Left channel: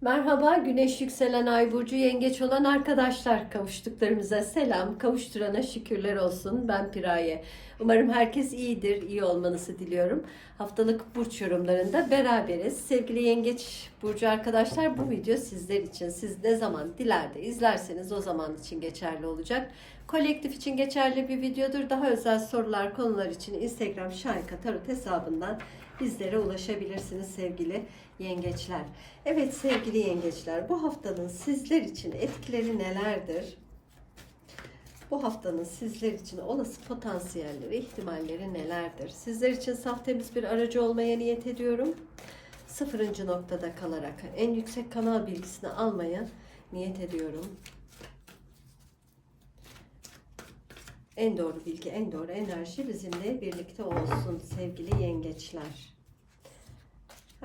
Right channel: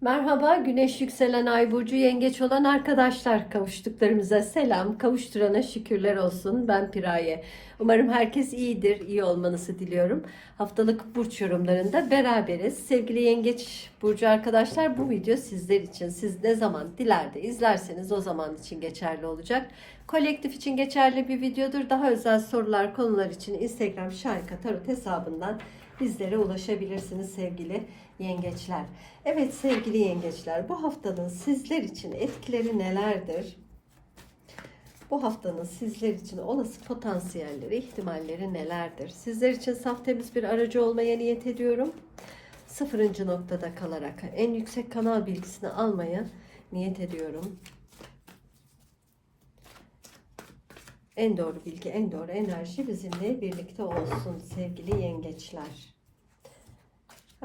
Merhaba, güneş yükselen ay burcu yengeç olan arkadaşlar kavuştuklarımıza selam, kavuşturana şükürler olsun. Ben Piraye. Umarım herkes iyidir, iyi olmanızı diliyorum. Haftalık burç yorumlarında beraberiz. Sevgili yengeç burcu arkadaşlar bu video sizler için. Siz ne zaman dilerde izlerseniz o zaman için geçerli olacak. Kolektif için geçerli bir videodur. Daha özel sorular, konular için Instagram Şarika Tarot hesabından bizlere ulaşabilirsiniz sevgili yengeçler. Evet sevgili yengeçler bu haftanın sizler için etkileri nelerdir? Bu haftanın sizler için olası potansiyelleri, ihtimalleri nelerdir? Sizler için saf temiz bir aracı olmaya niyet ediyorum. Sıfırıncı noktada kalarak en yüksek kanal bilgisini almaya niyet ediyorum. En doğru bilgi, en doğru enerji bizimle birlikte olsun sevgili yengeçler.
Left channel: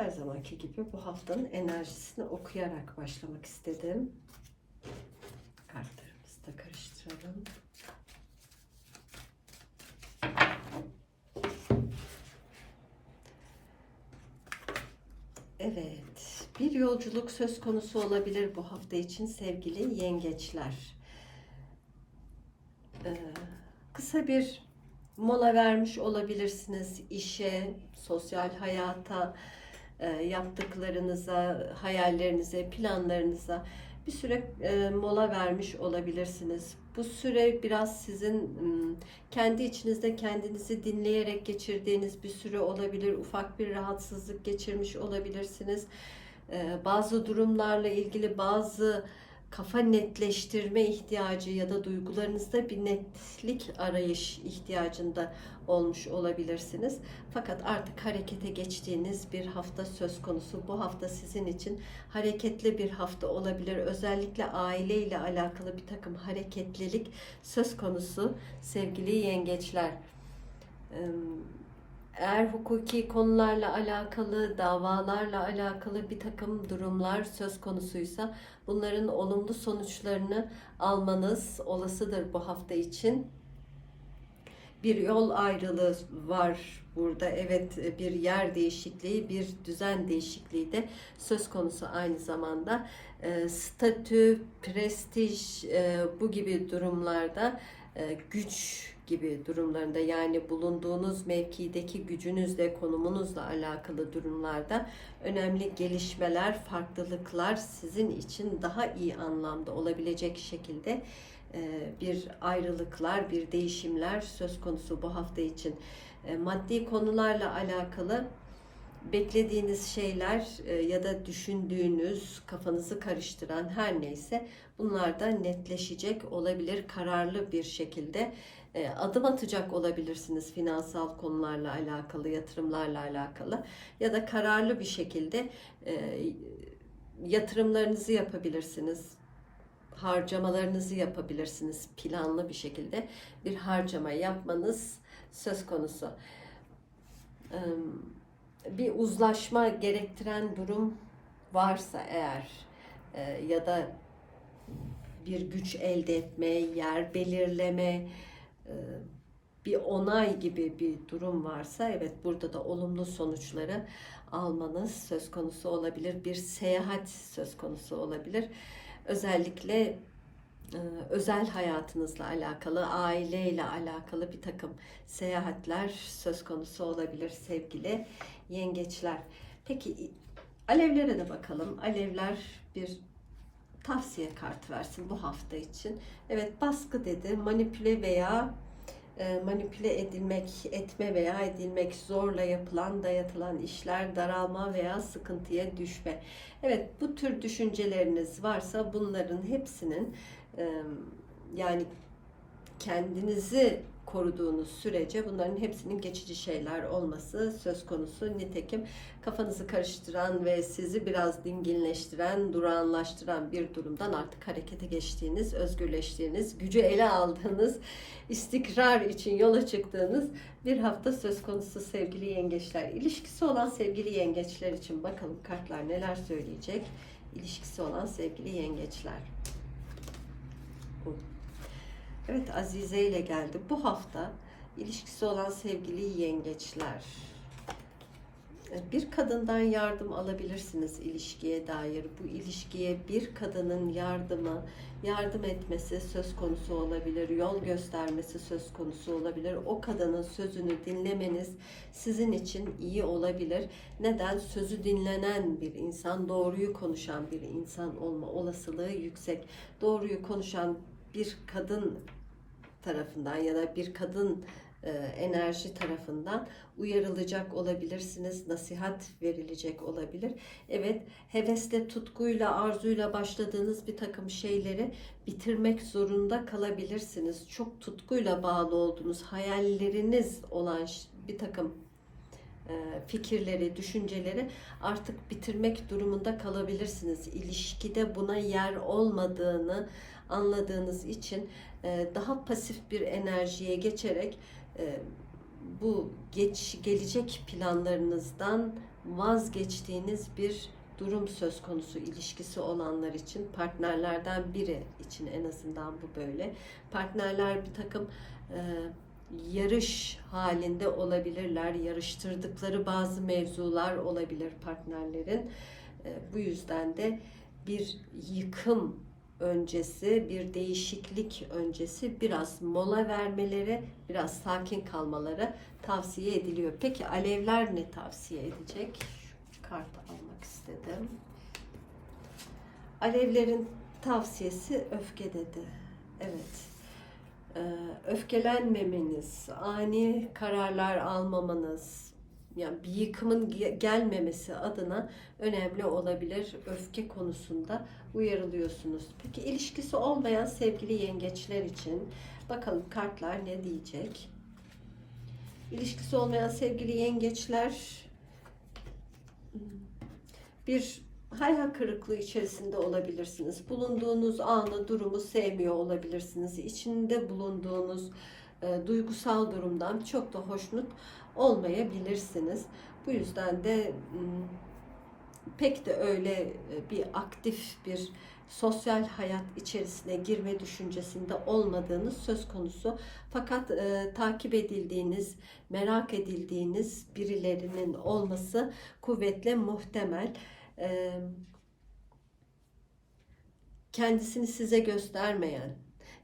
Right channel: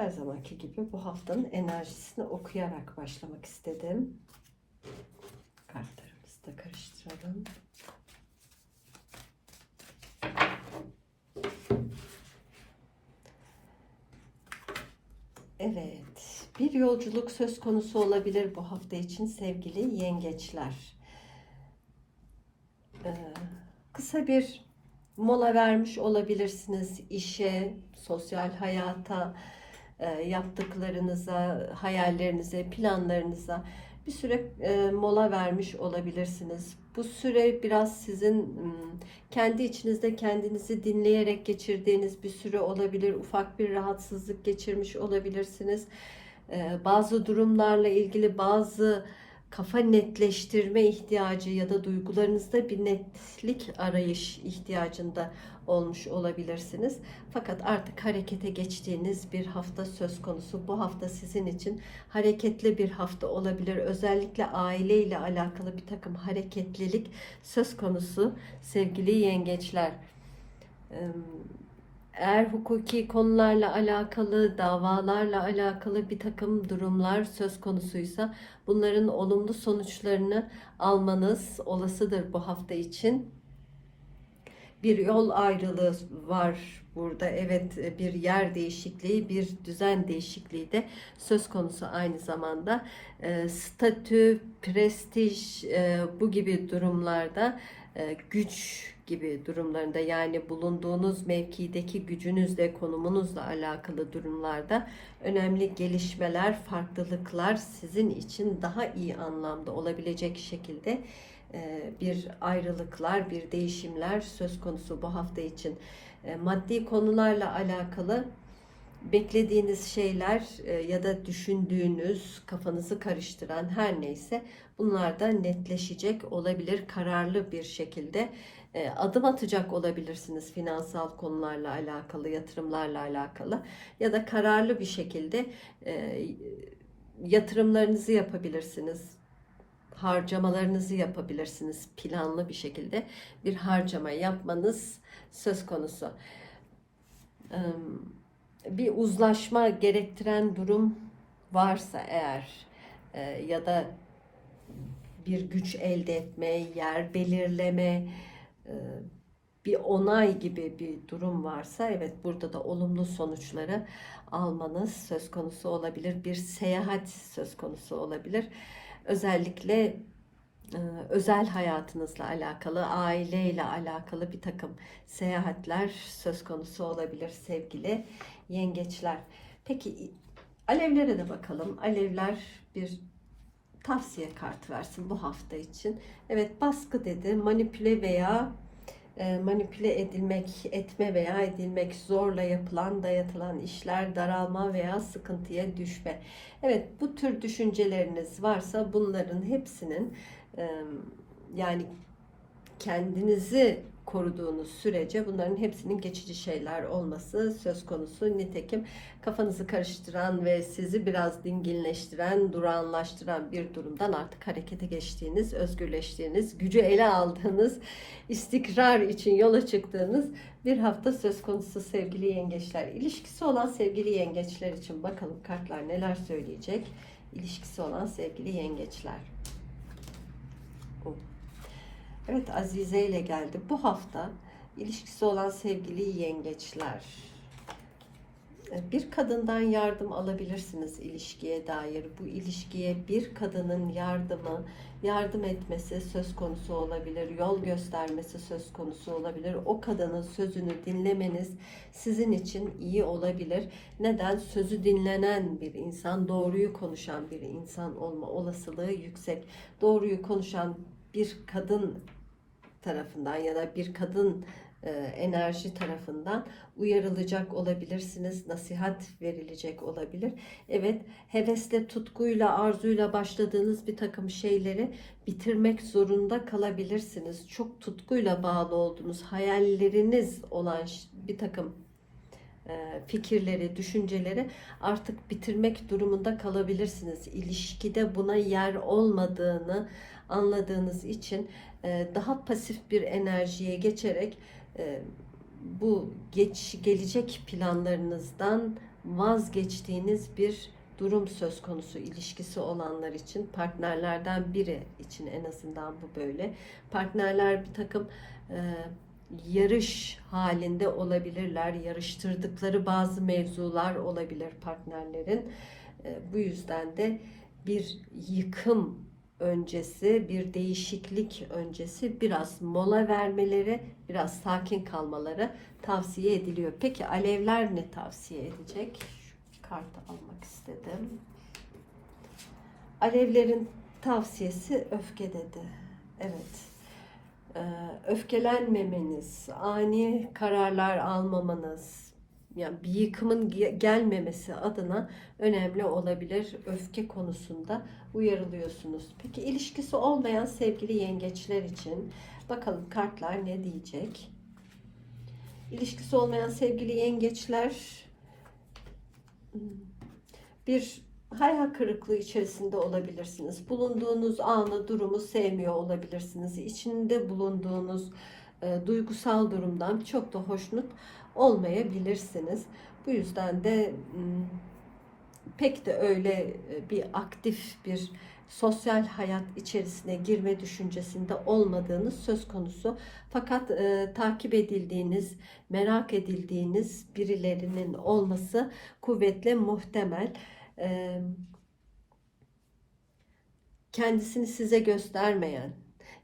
Her zamanki gibi bu haftanın enerjisini okuyarak başlamak istedim. Kartlarımızı da karıştıralım. Evet, bir yolculuk söz konusu olabilir bu hafta için sevgili yengeçler. Ee, kısa bir mola vermiş olabilirsiniz işe, sosyal hayata, yaptıklarınıza, hayallerinize, planlarınıza bir süre e, mola vermiş olabilirsiniz. Bu süre biraz sizin kendi içinizde kendinizi dinleyerek geçirdiğiniz bir süre olabilir. Ufak bir rahatsızlık geçirmiş olabilirsiniz. E, Bazı durumlarla ilgili bazı kafa netleştirme ihtiyacı ya da duygularınızda bir netlik arayış ihtiyacında olmuş olabilirsiniz. Fakat artık harekete geçtiğiniz bir hafta söz konusu. Bu hafta sizin için hareketli bir hafta olabilir. Özellikle aile ile alakalı bir takım hareketlilik söz konusu sevgili yengeçler. Eğer hukuki konularla alakalı, davalarla alakalı bir takım durumlar söz konusuysa bunların olumlu sonuçlarını almanız olasıdır bu hafta için bir yol ayrılığı var burada. Evet bir yer değişikliği, bir düzen değişikliği de söz konusu aynı zamanda. E, statü, prestij e, bu gibi durumlarda güç gibi durumlarında yani bulunduğunuz mevkideki gücünüzle, konumunuzla alakalı durumlarda önemli gelişmeler, farklılıklar sizin için daha iyi anlamda olabilecek şekilde e, bir ayrılıklar, bir değişimler söz konusu bu hafta için. E, maddi konularla alakalı beklediğiniz şeyler e, ya da düşündüğünüz, kafanızı karıştıran her neyse bunlar da netleşecek olabilir kararlı bir şekilde adım atacak olabilirsiniz finansal konularla alakalı, yatırımlarla alakalı ya da kararlı bir şekilde yatırımlarınızı yapabilirsiniz harcamalarınızı yapabilirsiniz. Planlı bir şekilde bir harcama yapmanız söz konusu. Bir uzlaşma gerektiren durum varsa eğer ya da bir güç elde etme, yer belirleme, bir onay gibi bir durum varsa evet burada da olumlu sonuçları almanız söz konusu olabilir. Bir seyahat söz konusu olabilir özellikle e, özel hayatınızla alakalı, aileyle alakalı bir takım seyahatler söz konusu olabilir sevgili yengeçler. Peki alevlere de bakalım. Alevler bir tavsiye kartı versin bu hafta için. Evet baskı dedi, manipüle veya e, manipüle edilmek, etme veya edilmek, zorla yapılan, dayatılan işler, daralma veya sıkıntıya düşme. Evet bu tür düşünceleriniz varsa bunların hepsinin e, yani kendinizi koruduğunuz sürece bunların hepsinin geçici şeyler olması söz konusu. Nitekim kafanızı karıştıran ve sizi biraz dinginleştiren, durağanlaştıran bir durumdan artık harekete geçtiğiniz, özgürleştiğiniz, gücü ele aldığınız, istikrar için yola çıktığınız bir hafta söz konusu sevgili yengeçler. İlişkisi olan sevgili yengeçler için bakalım kartlar neler söyleyecek. İlişkisi olan sevgili yengeçler. Evet Azize ile geldi. Bu hafta ilişkisi olan sevgili yengeçler. Bir kadından yardım alabilirsiniz ilişkiye dair. Bu ilişkiye bir kadının yardımı, yardım etmesi söz konusu olabilir, yol göstermesi söz konusu olabilir. O kadının sözünü dinlemeniz sizin için iyi olabilir. Neden? Sözü dinlenen bir insan, doğruyu konuşan bir insan olma olasılığı yüksek. Doğruyu konuşan bir kadın tarafından ya da bir kadın e, enerji tarafından uyarılacak olabilirsiniz, nasihat verilecek olabilir. Evet, hevesle, tutkuyla, arzuyla başladığınız bir takım şeyleri bitirmek zorunda kalabilirsiniz. Çok tutkuyla bağlı olduğunuz, hayalleriniz olan bir takım e, fikirleri, düşünceleri artık bitirmek durumunda kalabilirsiniz. İlişkide buna yer olmadığını anladığınız için e, daha pasif bir enerjiye geçerek e, bu geç gelecek planlarınızdan vazgeçtiğiniz bir durum söz konusu ilişkisi olanlar için partnerlerden biri için en azından bu böyle. Partnerler bir takım e, yarış halinde olabilirler yarıştırdıkları bazı mevzular olabilir partnerlerin. E, bu yüzden de bir yıkım öncesi, bir değişiklik öncesi biraz mola vermeleri, biraz sakin kalmaları tavsiye ediliyor. Peki alevler ne tavsiye edecek? Şu kartı almak istedim. Alevlerin tavsiyesi öfke dedi. Evet. Ee, öfkelenmemeniz, ani kararlar almamanız, yani bir yıkımın ge- gelmemesi adına önemli olabilir. Öfke konusunda uyarılıyorsunuz. Peki ilişkisi olmayan sevgili yengeçler için bakalım kartlar ne diyecek? İlişkisi olmayan sevgili yengeçler bir hayal kırıklığı içerisinde olabilirsiniz. Bulunduğunuz anı, durumu sevmiyor olabilirsiniz. İçinde bulunduğunuz e, duygusal durumdan çok da hoşnut olmayabilirsiniz. Bu yüzden de pek de öyle e, bir aktif bir sosyal hayat içerisine girme düşüncesinde olmadığınız söz konusu. Fakat e, takip edildiğiniz, merak edildiğiniz birilerinin olması kuvvetle muhtemel. E, kendisini size göstermeyen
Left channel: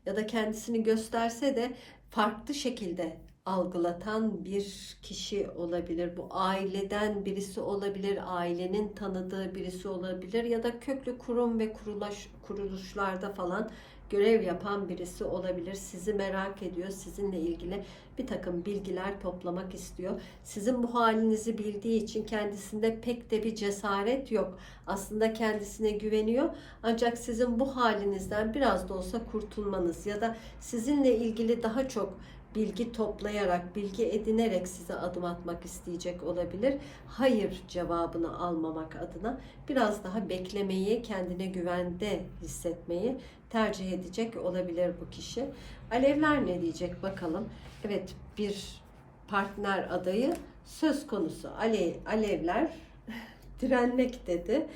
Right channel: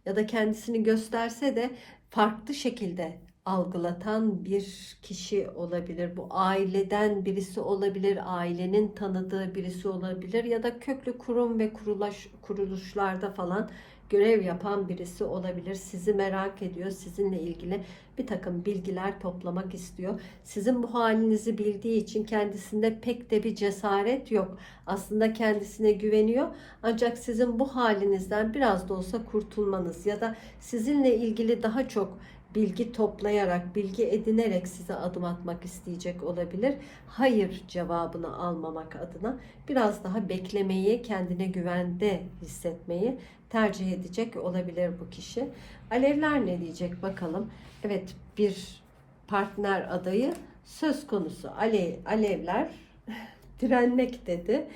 ya da kendisini gösterse de farklı şekilde algılatan bir kişi olabilir. Bu aileden birisi olabilir, ailenin tanıdığı birisi olabilir ya da köklü kurum ve kuruluş, kuruluşlarda falan görev yapan birisi olabilir. Sizi merak ediyor, sizinle ilgili bir takım bilgiler toplamak istiyor. Sizin bu halinizi bildiği için kendisinde pek de bir cesaret yok. Aslında kendisine güveniyor ancak sizin bu halinizden biraz da olsa kurtulmanız ya da sizinle ilgili daha çok bilgi toplayarak, bilgi edinerek size adım atmak isteyecek olabilir. Hayır cevabını almamak adına biraz daha beklemeyi, kendine güvende hissetmeyi tercih edecek olabilir bu kişi. Alevler ne diyecek bakalım. Evet bir partner adayı söz konusu. Ale, alevler direnmek dedi.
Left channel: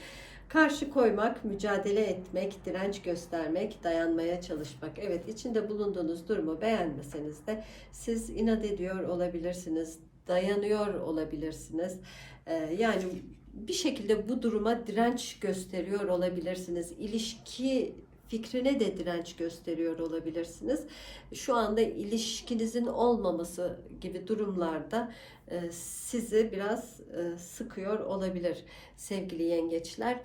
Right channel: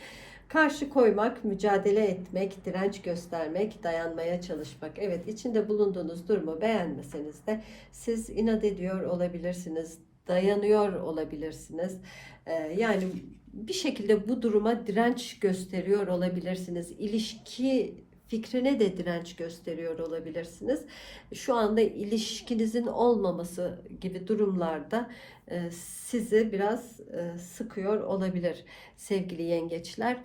Karşı koymak, mücadele etmek, direnç göstermek, dayanmaya çalışmak. Evet içinde bulunduğunuz durumu beğenmeseniz de siz inat ediyor olabilirsiniz, dayanıyor olabilirsiniz. Ee, yani bir şekilde bu duruma direnç gösteriyor olabilirsiniz. İlişki fikrine de direnç gösteriyor olabilirsiniz. Şu anda ilişkinizin olmaması gibi durumlarda e, sizi biraz e, sıkıyor olabilir sevgili yengeçler.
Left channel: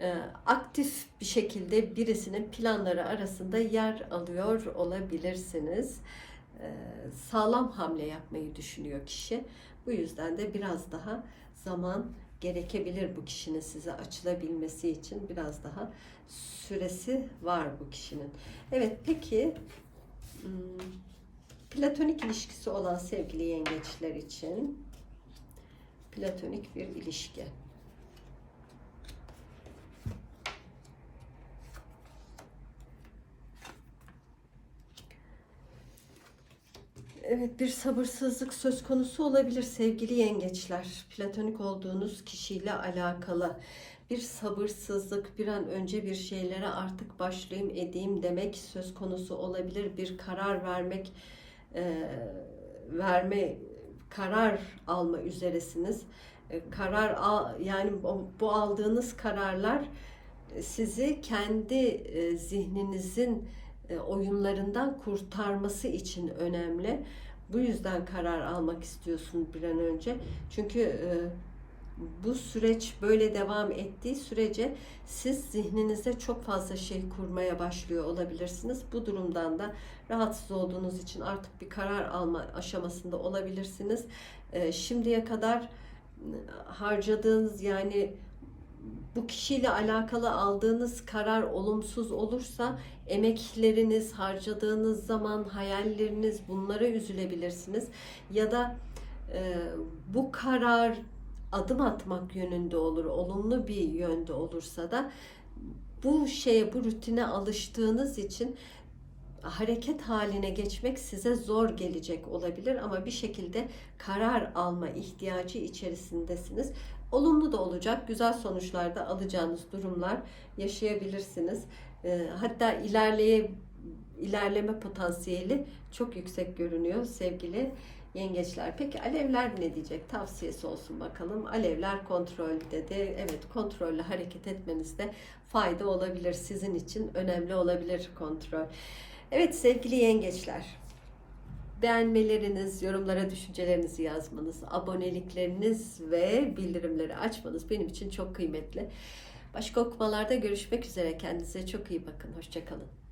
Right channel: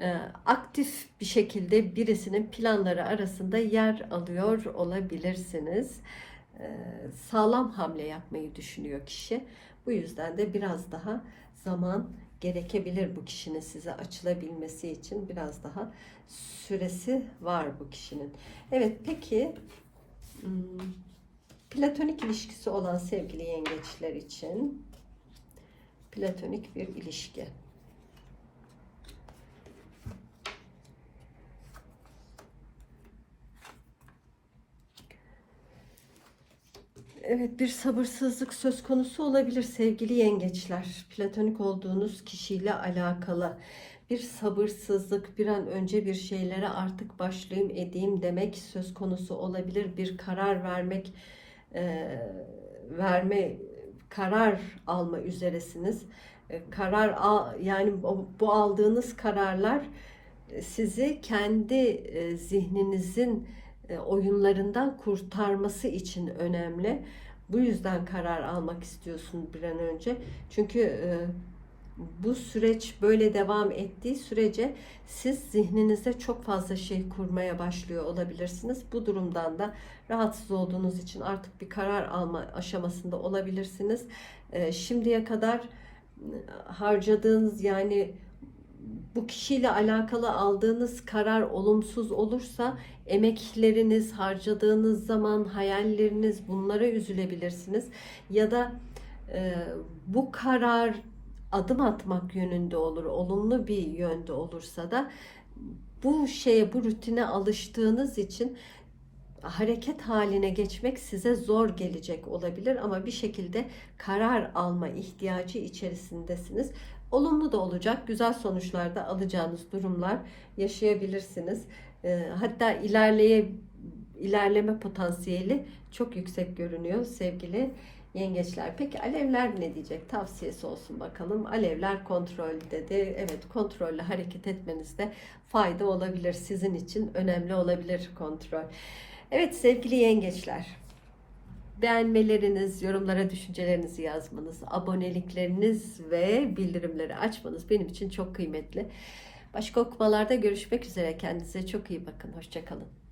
E, Aktif bir şekilde birisinin planları arasında yer alıyor olabilirsiniz. E, Sağlam hamle yapmayı düşünüyor kişi. Bu yüzden de biraz daha zaman gerekebilir bu kişinin size açılabilmesi için biraz daha süresi var bu kişinin. Evet peki hmm, platonik ilişkisi olan sevgili yengeçler için platonik bir ilişki. Evet bir sabırsızlık söz konusu olabilir sevgili yengeçler. Platonik olduğunuz kişiyle alakalı bir sabırsızlık, bir an önce bir şeylere artık başlayayım edeyim demek söz konusu olabilir. Bir karar vermek, e, verme, karar alma üzeresiniz. e, karar al, yani bu aldığınız kararlar e, sizi kendi e, zihninizin oyunlarından kurtarması için önemli. Bu yüzden karar almak istiyorsun bir an önce. Çünkü e, bu süreç böyle devam ettiği sürece siz zihninizde çok fazla şey kurmaya başlıyor olabilirsiniz. Bu durumdan da rahatsız olduğunuz için artık bir karar alma aşamasında olabilirsiniz. E, şimdiye kadar e, harcadığınız yani bu kişiyle alakalı aldığınız karar olumsuz olursa emekleriniz, harcadığınız zaman, hayalleriniz bunlara üzülebilirsiniz. Ya da e, bu karar adım atmak yönünde olur, olumlu bir yönde olursa da bu şeye, bu rutine alıştığınız için hareket haline geçmek size zor gelecek olabilir ama bir şekilde karar alma ihtiyacı içerisindesiniz. Olumlu da olacak, güzel sonuçlar da alacağınız durumlar yaşayabilirsiniz. Ee, Hatta ilerleye ilerleme potansiyeli çok yüksek görünüyor sevgili yengeçler. Peki alevler ne diyecek? Tavsiyesi olsun bakalım. Alevler kontrolde de evet kontrollü hareket etmenizde fayda olabilir. Sizin için önemli olabilir kontrol. Evet sevgili yengeçler. Beğenmeleriniz, yorumlara düşüncelerinizi yazmanız, abonelikleriniz ve bildirimleri açmanız benim için çok kıymetli. Başka okumalarda görüşmek üzere. Kendinize çok iyi bakın. Hoşçakalın.